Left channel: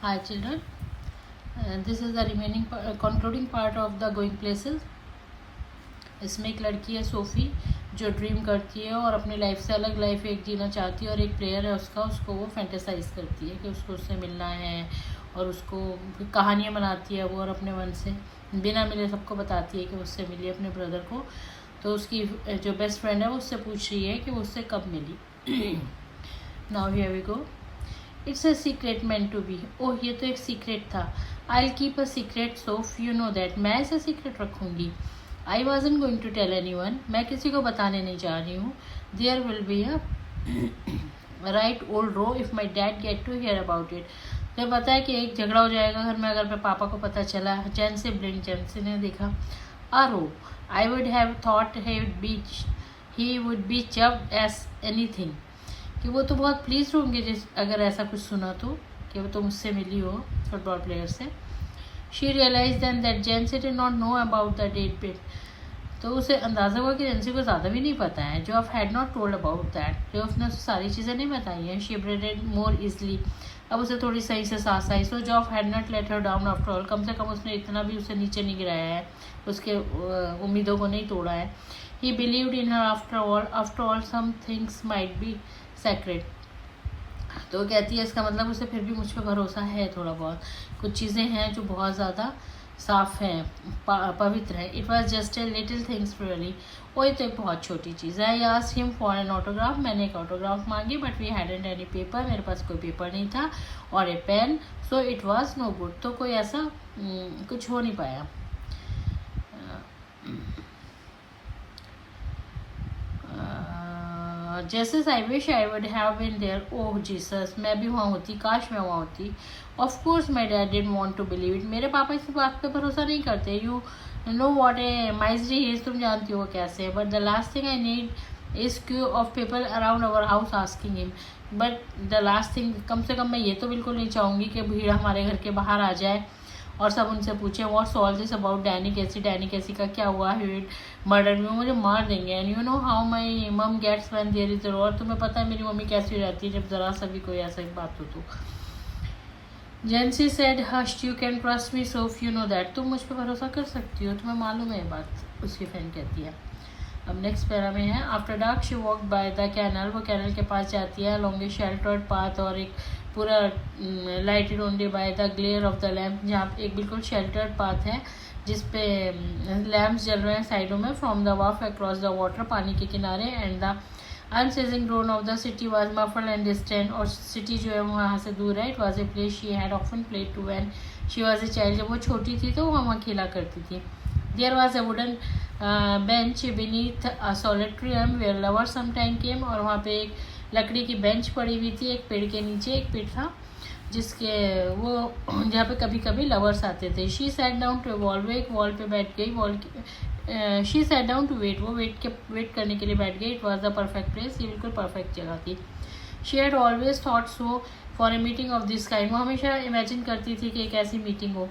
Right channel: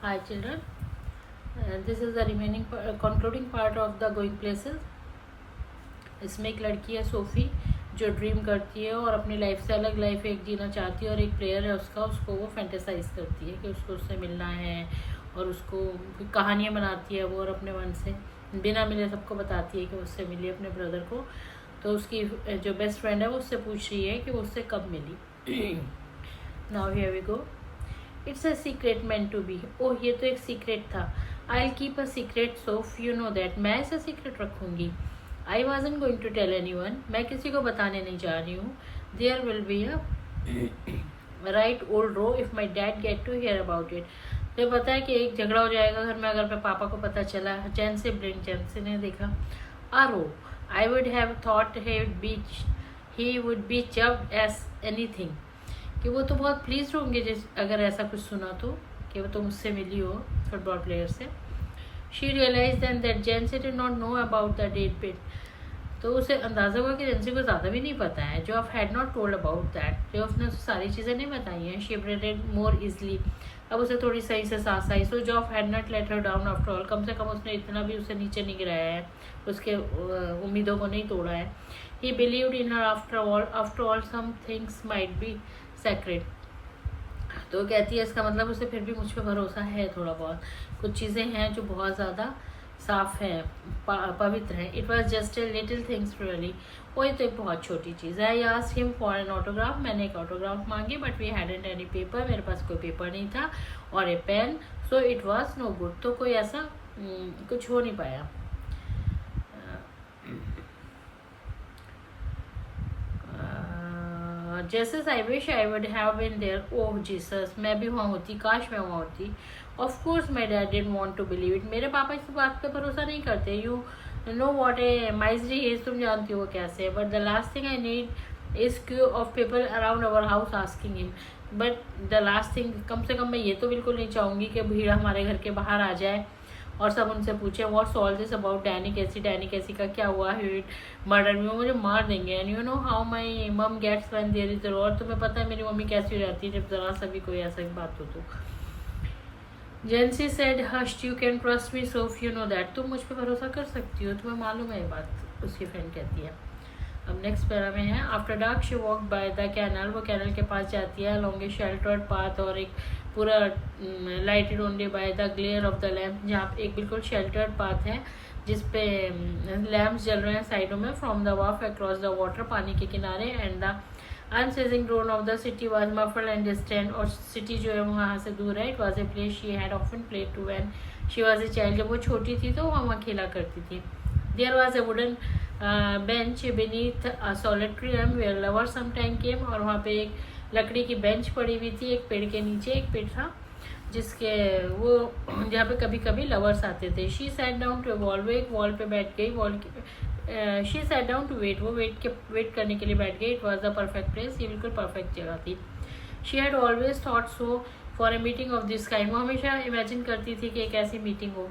Hi children, this is the remaining concluding part of the going places. इसमें एक लड़की है सोफ़ी जो ड्रीम करती है और अपनी लाइफ से अलग लाइफ एक जीना चाहती है, और एक प्लेयर है उसका, उसको वो फैंटेसाइज करती है कि उसको उससे मिलना है, और उसको कहानियाँ बनाती है वो, और अपने मन से बिना मिले सबको बताती है कि उससे मिली अपने ब्रदर को। तो उसकी जो बेस्ट फ्रेंड है वो उससे पूछ रही है कि वो उससे कब मिली। Now here we go. It's a secret meant to be. Oh, ये तो एक सीक्रेट था। I will keep a secret safe, you know that. मैं ऐसा सीक्रेट रखूंगी। I wasn't going to tell anyone. मैं किसी को बताने नहीं जा रही हूँ। There will be a right old row if my dad get to hear about it. तो पता है कि एक झगड़ा हो जाएगा घर में अगर मेरे पापा को पता चला। जेंसी ने देखा। A row, I would have thought he would be जब एस एनीथिंग, कि वो तो बहुत प्लीज होंगे जिस अगर ऐसा कुछ सुना तो, कि वो तो मुझसे मिली हो फुटबॉल प्लेयर से। She realised then that Jency did not know about the date bit. तो उसे अंदाजा हुआ कि जेंसी को ज़्यादा भी नहीं पता है। Joff had not told about that. Joff ने उसे सारी चीज़ें नहीं बताई हैं। She breathed more easily. अब उसे थोड़ी सही से सांस आई। So Joff had not let her down after all. कम से कम उसने इतना भी उसे नीचे नहीं गिराया है, उसके उम्मीदों को नहीं तोड़ा है। He believed in her after all some things might be secret. तो कहती है इसका मतलब उसे फिर भी मुझ पर भरोसा है थोड़ा बहुत। कुछ चीज़ें हैं जो बहुत ज़्यादा साफ हैं, पवित्र है। It was just a little things really. वही तो एक बहुत छोटी चीज़ है। I asked him for an autograph. मैंने एक ऑटोग्राफ मांगी, but we hadn't any paper. मेरे पास कोई पेपर नहीं था, और a pen. So it was no good. तो कोई ऐसा कुछ हो नहीं पाया। जैसे I wish I would have been there. Oh Jesus, मैं भी वहाँ होती, काश मैं वहाँ होती। Of course my dad didn't want to believe it. मेरे पापा इस बात पे भरोसा नहीं करते। You know what a misery is, तुम जानती हो कैसे है। But the last thing I need is queue of people around our house asking him. But the last thing, कम से कम मैं ये तो बिल्कुल नहीं चाहूँगी कि भीड़ हमारे घर के बाहर आ जाए और सब उनसे पूछे what's all this about Danny कैसी का क्या हुआ है मर्डर में, मुझे मार देंगे। And you know how my मम गेट्स व्हेन देयर इज और तुम्हें पता है मेरी मम्मी कैसी रहती है जब जरा सा भी कोई ऐसा बात हो तो। Jency said hushed, you can trust me Soph, you know that. तुम मुझ पर भरोसा कर सकती हो, तुम्हें मालूम है ये बात, उसकी फ्रेंड कहती है। अब नेक्स्ट पैरा में है। After dark she walk by the canal. वो कैनल के पास जाती है लॉन्ग ए शेल्टर्ड पाथ, और एक पूरा lighted only by the glare of the lamp, जहाँ एक बिल्कुल शेल्टर्ड पाथ है जिसपे लैम्प्स जल रहे हैं साइडों में। From the wharf across the water, पानी के किनारे। And the unceasing drone of the city was muffled and distant. और सिटी जो है वहाँ से दूर है। It was a place she had often played to when she was a child. जब वो छोटी थी तो वहाँ खेला करती थी। There was a wooden bench beneath a solid tree where lovers sometime came। और वहाँ पे एक लकड़ी की बेंच पड़ी हुई थी, एक पेड़ के नीचे। एक पेड़ था जिसके वो जहाँ पे कभी कभी लवर्स आते थे। She sat down to wall, एक वॉल पे बैठ गई। She sat down to wait, वो वेट करने के लिए बैठ गई। It was the perfect place, ये बिल्कुल परफेक्ट जगह थी। She had always thought so for a meeting of this kind. वो हमेशा इमेजिन करती थी कि एक ऐसी मीटिंग हो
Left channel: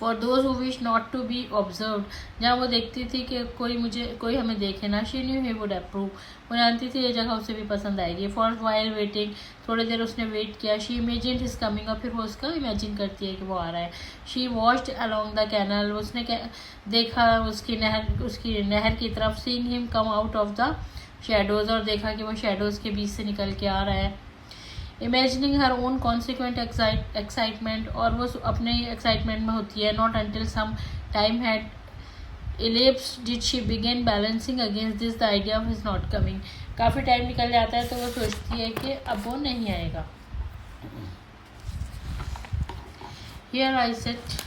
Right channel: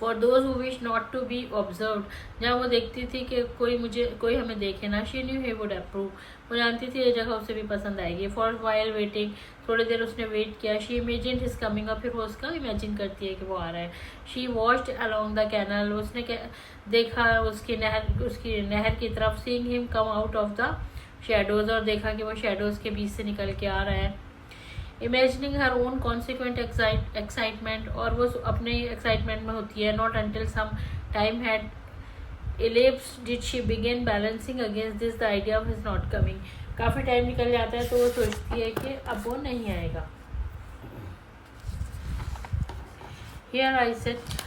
for those who wish not to be observe, जहाँ वो देखती थी कि कोई हमें देखे ना। She knew he would approve, वो जानती थी ये जगह उसे भी पसंद आएगी। फॉर वाइल वेटिंग, थोड़ी देर उसने वेट किया। She imagine his coming up, फिर वो उसका इमेजिन करती है कि वो आ रहा है। She watched along the canal, उसने देखा उसकी नहर की तरफ। Seeing him come out of the shadows, और देखा कि वो शेडोज के बीच से निकल के आ रहा है। Imagining her own consequent excitement, और वो अपने एक्साइटमेंट में होती है। Not until some time had elapsed did she begin balancing against this the idea of his not coming। काफ़ी टाइम निकल जाता है तो वो सोचती है कि अब वो नहीं आएगा। Here I sit,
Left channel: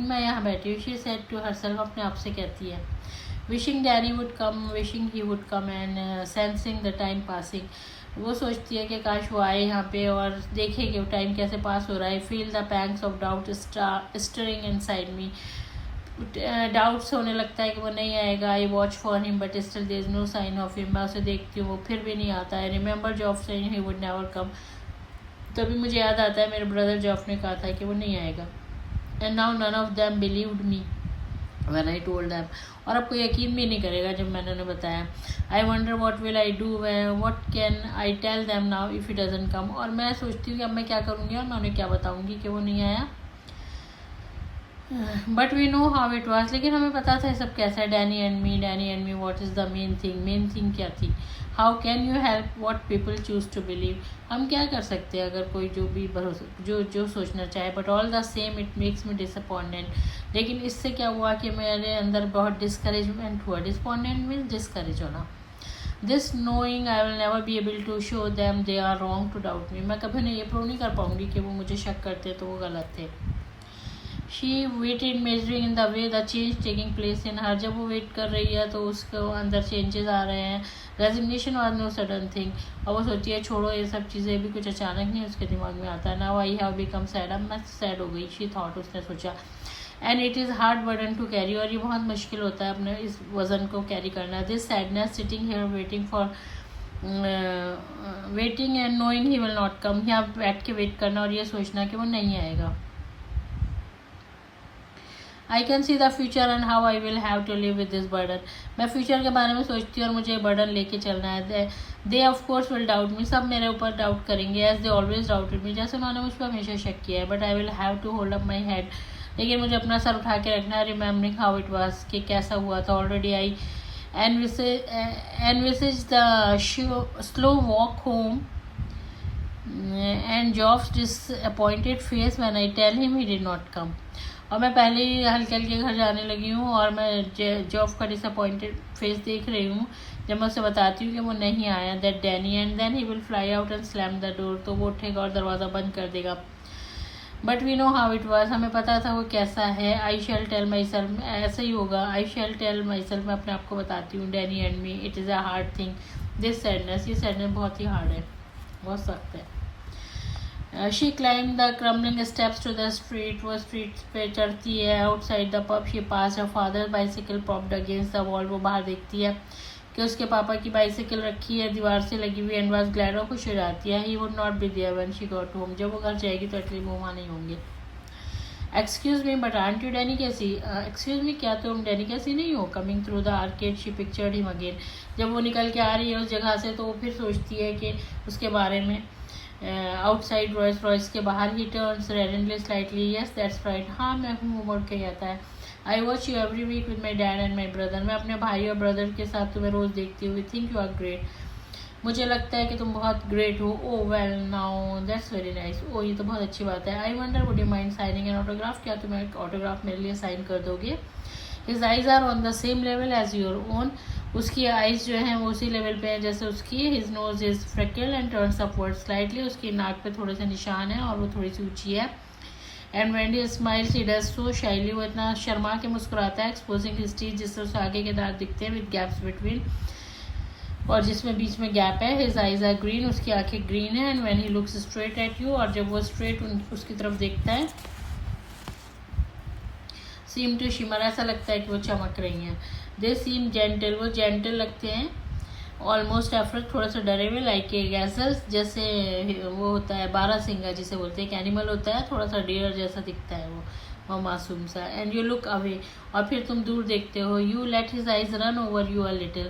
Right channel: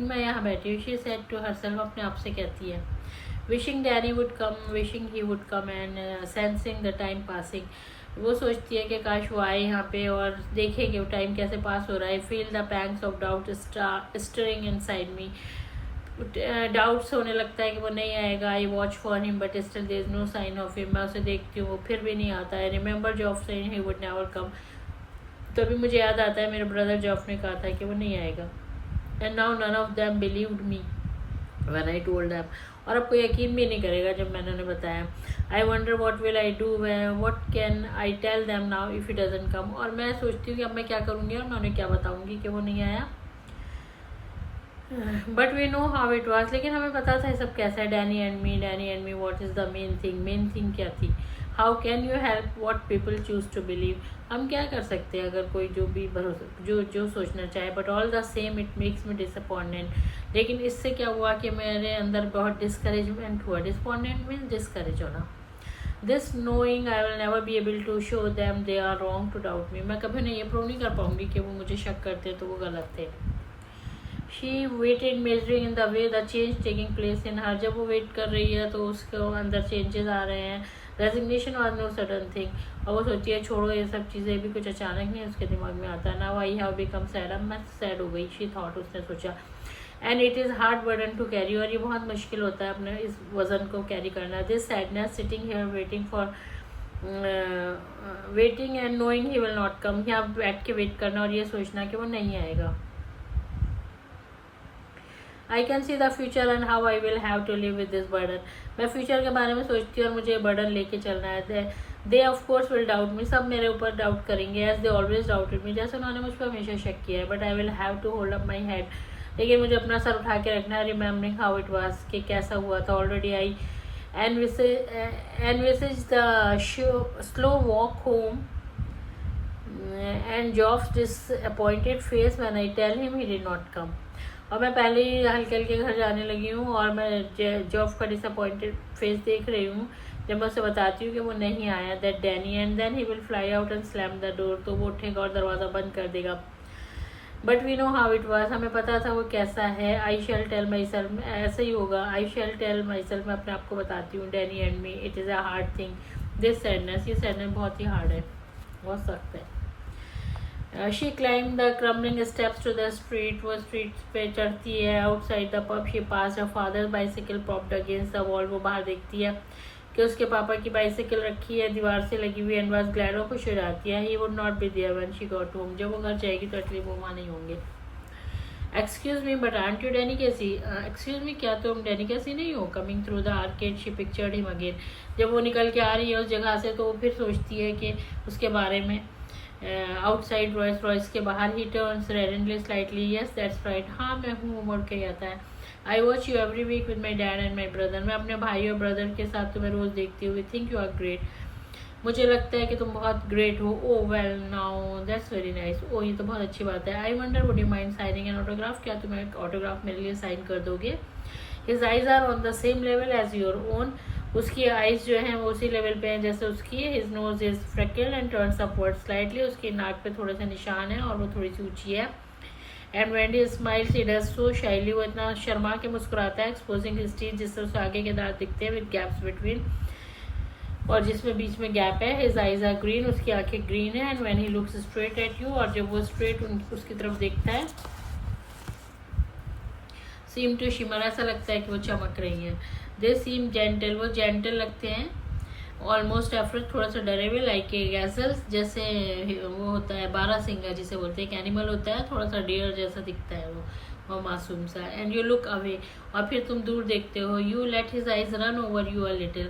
मैं यहाँ बैठी हूँ। She said to herself, अपने आप से कहती है। Wishing Danny would come, wishing he would come, and sensing the time passing. वो सोचती है कि काश वो आए यहाँ पे और देखे कि वो टाइम कैसे पास हो रहा है। Feel the pangs of doubt stirring inside me. Doubts होने लगता है कि वो नहीं आएगा। I watch for him but still there is no sign of him. मैं उसे देखती हूँ, वो फिर भी नहीं आता है। Remember जॉफ saying he would never come. तभी मुझे याद आता है मेरे ब्रदर जॉफ ने कहा था कि वो नहीं आएगा। And now none of them believed me. When I told them, और आपको यकीन भी नहीं करेगा जब मैंने उन्हें बताया. I wonder what will I do, what can I tell them now if he doesn't come. और मैं सोचती हूँ कि अब मैं क्या करूँगी और मैं उन्हें क्या बताऊँगी कि वो नहीं आया. But we know how it was. लेकिन हमें पता था सब कैसा है. Danny and me what is the main thing क्या थी. How can you help what people choose to believe. हम क्या कर सकते हैं अगर कोई जो भी भरोसा जो सोचना चाहे. But all the same it makes me disappointed. लेकिन इससे क्या हुआ कि मेरे अंदर बहुत डिस्करेजमेंट हुआ. डिसअपॉइंटेड मीन्स डिस्करेज होना. This knowing I will never be able to show them they are wrong to doubt me. मैं कभी उन्हें ये प्रूव नहीं कर पाऊंगी कि वो मुझे शक करते तो वो गलत थे. She waited measuring in the way the change taking place in her. जब वो वेट कर रही है तो उसको अंदर चेंजेस आ रहे हैं. रेजिग्नेशन और नो सडन थिंग. और वो सोचिए छोड़ो ये सब चीज़ें भी कुछ अचानक नहीं उसके दिमाग में आता है. Now I have become sad. अब मैं सैड हो गई. She thought. उसने सोचा. And it is hard burden to carry. और ये बहुत मुश्किल होता है अपने इस वजन को कैरी करना. This sadness sitting here waiting and knowing he will not come. यहाँ बैठ के वेट करना और ये सोचना कि वो नहीं आएगा. I can see the future and how I will have to live with this burden. मैं फ्यूचर के बारे में सोचती हूँ और मुझे बर्डन लेके चलना है. They of course will doubt me. सब मेरे ऊपर डाउट करेंगे as they always doubted me. जैसे उन्होंने मुझ पर हमेशा शक किया है. But I will have to hold up my head. लेकिन मुझे अपना सर उठा के रखना है. रिमेम्बरिंग हाउ इट वॉज कि कैसा हुआ था. Already I envisage the slow walk home and Geoff's disappointed face when I tell him he did not come. और मैं पहले ही हल्के हल्के घर जाने लगी हूँ और मैं जॉफ का डिसअपॉइंटेड फेस देख रही हूँ जब मैं उसे बताती हूँ कि वो नहीं आया. That Danny and then he will fly out and slam the door. तो वो उठेगा और दरवाज़ा बंद कर देगा. But we know how it was. हमें पता था वो कैसा है. I shall tell myself. ऐसा ही होगा. I shall tell myself. मैं अपने आप को बताती हूँ. Danny and me. It is a hard thing. This sadness. ये सैडनेस बहुत ही हार्ड है. बहुत सख्त है. She climb the crumbling steps to the street. वो स्ट्रीट पे चढ़ती है. Outside the pub she pass her father bicycle propped against the wall. वो बाहर देखती है कि उसके पापा की बाइसिकल रखी है दीवार से लगी हुई. And was glad. और खुश हो जाती है. He would not be there when she got home. जब वो घर जाएगी तो एटलीस्ट वो वहाँ नहीं होंगे. Excuse me but aunt you Danny कैसी. एक्सक्यूज मी क्या तुम डैनी कैसी नहीं हो. Coming through the arcade she pictured him again. जब वो निकल के आ रही है उस जगह से तो वो फिर सोचती है कि उसके बारे में. आउटसाइड रॉयस के बाहर. He turns radiantly slightly. Yes that's right. हाँ मैं हूँ. मुड़ के आता है. I watch you every week with my dad and my brother. मैं अपने भाई और ब्रदर के साथ तुम्हें रोज़ देखती हूँ. Think you are great. मुझे लगता है कि तुम बहुत ग्रेट हो. Oh well now that's very nice. ओ ये तो बहुत अच्छी बात है. I wonder would you mind signing an autograph. क्या तुम एक ऑटोग्राफ मेरे लिए साइन कर दोगे. His eyes are on the same level as your own. उसकी आइज जो हैं वो उसी लेवल पे हैं जैसे उसकी. His nose is फ्रेकल्ड and turns upward slightly. उसकी नाक पे थोड़े से निशान हैं और वो थोड़ी सी ऊंची है. And when he smiles he does so shyly. वो इतना शर्मा के मुस्कुराता है. Exposing his teeth. जिससे उसे आगे के दांत दिखते हैं विद गैप्स बिटवीन. और जिसमें बीच में गैप है. His eyes are green. उसकी आंखें ग्रीन है. And when he looks straight at you. और जब वो स्ट्रेट उसकी तरफ देखता है सीम टू शिमर. ऐसा लगता है कि वो चमक रही है. दे सीम जेंटल. वो जेंटल लगते हैं. Almost effort. थोड़ा सा डरे हुए. Like a गैसर. जैसे वो होता है बारहसिंगा जिसे बोलते हैं. एक एनिमल होता है थोड़ा सा डियर जैसा दिखता है वो मासूम सा. And you look away. और फिर तुम दूर देखते हो. You let his eyes run over you a little.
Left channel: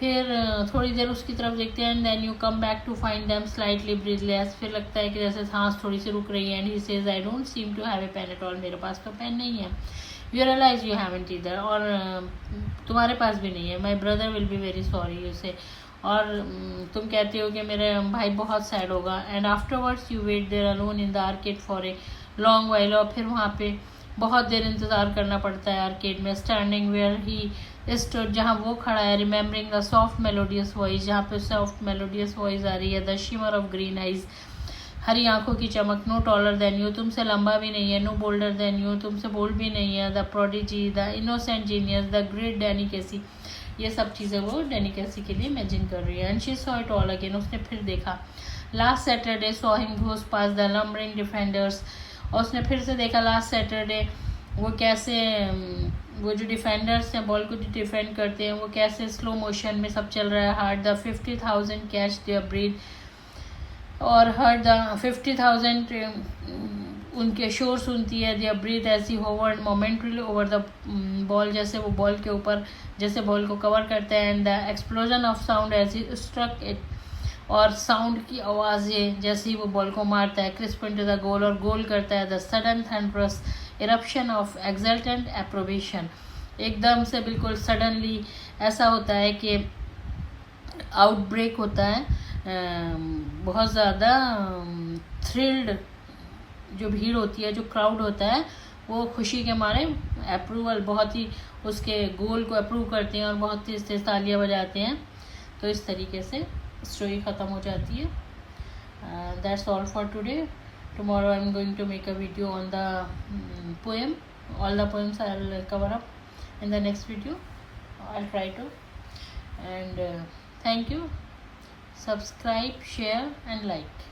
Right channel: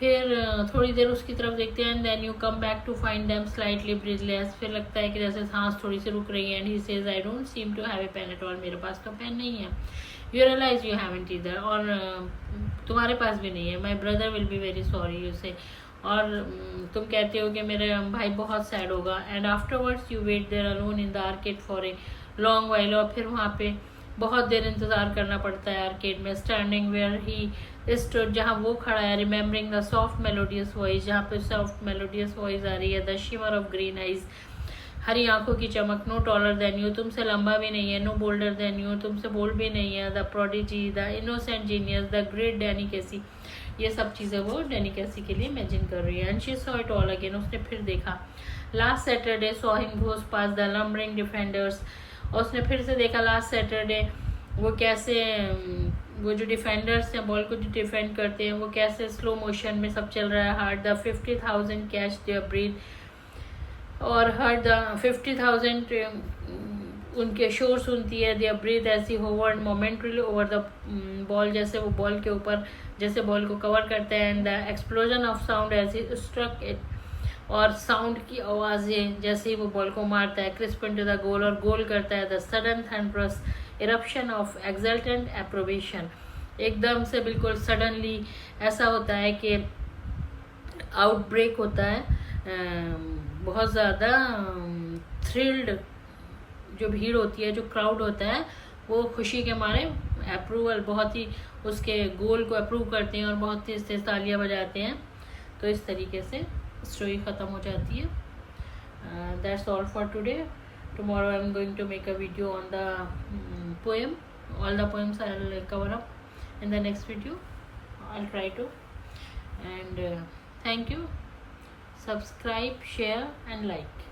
फिर थोड़ी देर उसकी तरफ देखते हैं. And then you come back to find them slightly breathless. फिर लगता है कि जैसे सांस थोड़ी सी रुक रही है. And he says I don't seem to have a pen at all. मेरे पास तो पेन नहीं है. You realize you haven't either. और तुम्हारे पास भी नहीं है. My brother will be very sorry उसे. और तुम कहते हो कि मेरे भाई बहुत सैड होगा. And afterwards you wait there alone in the arcade for a long while. और फिर वहाँ पे बहुत देर इंतज़ार करना पड़ता है आर्केड में. Standing where he stood. जहाँ वो खड़ा है. Remembering the soft melodious voice. जहाँ पे सॉफ्ट मेलोडियस वॉइस आ रही है. The shimmer of green eyes. हरी आंखों की चमक. No taller than you. तुमसे लंबा भी नहीं है. No bolder than you. तुमसे बोल्ड भी नहीं है. The prodigy. The innocent genius. The great Danny Casey. ये सब चीज़ें वो डैनी कैसी के लिए इमेजिन कर रही है. And she saw it all again. उसने फिर देखा. Last Saturday saw him goes pass the lumbering defenders. और उसने फिर से देखा लास्ट सैटरडे वो कैसे वो जो डिफेंडर्स हैं बॉल को डिफेंड करते हैं वो कैसे स्लो मोशन में सब चल रहा है. Hard the 50,000 catch their breath. और हर द 50,000 उनके शोर सुनती है। देयर ब्रीथ ऐसी hovered momentarily over the ball, जैसे वो बॉल के ऊपर, जैसे बॉल को कवर करते हैं। And the explosion of sound ऐसी स्ट्रक इट, और साउंड की आवाज़ें जैसे ही वो बॉल को मारता है, क्रिस्प इनटू द गोल, और गोल करता है। The sudden thunderous eruption of exultant approbation, एकदम से बिल्कुल सडनली ऐसा होता है कि आउटब्रेक होता है, बहुत ज़्यादा थ्रिल्ड जो भीड़ होती है, जो क्राउड होता है, वो खुशी के मारे अप्रूवल, बहुत ही उसके गोल को अप्रूव करते हैं और बहुत तेज तेज तालियां बजाते हैं। तो इस तरीके से स्टोरी ख़त्म हो जाती है। That's all for today. Tomorrow I am going to make a video on the poem, all the poems I will cover up in the next video. I'll try to. And thank you. Subscribe, share and like.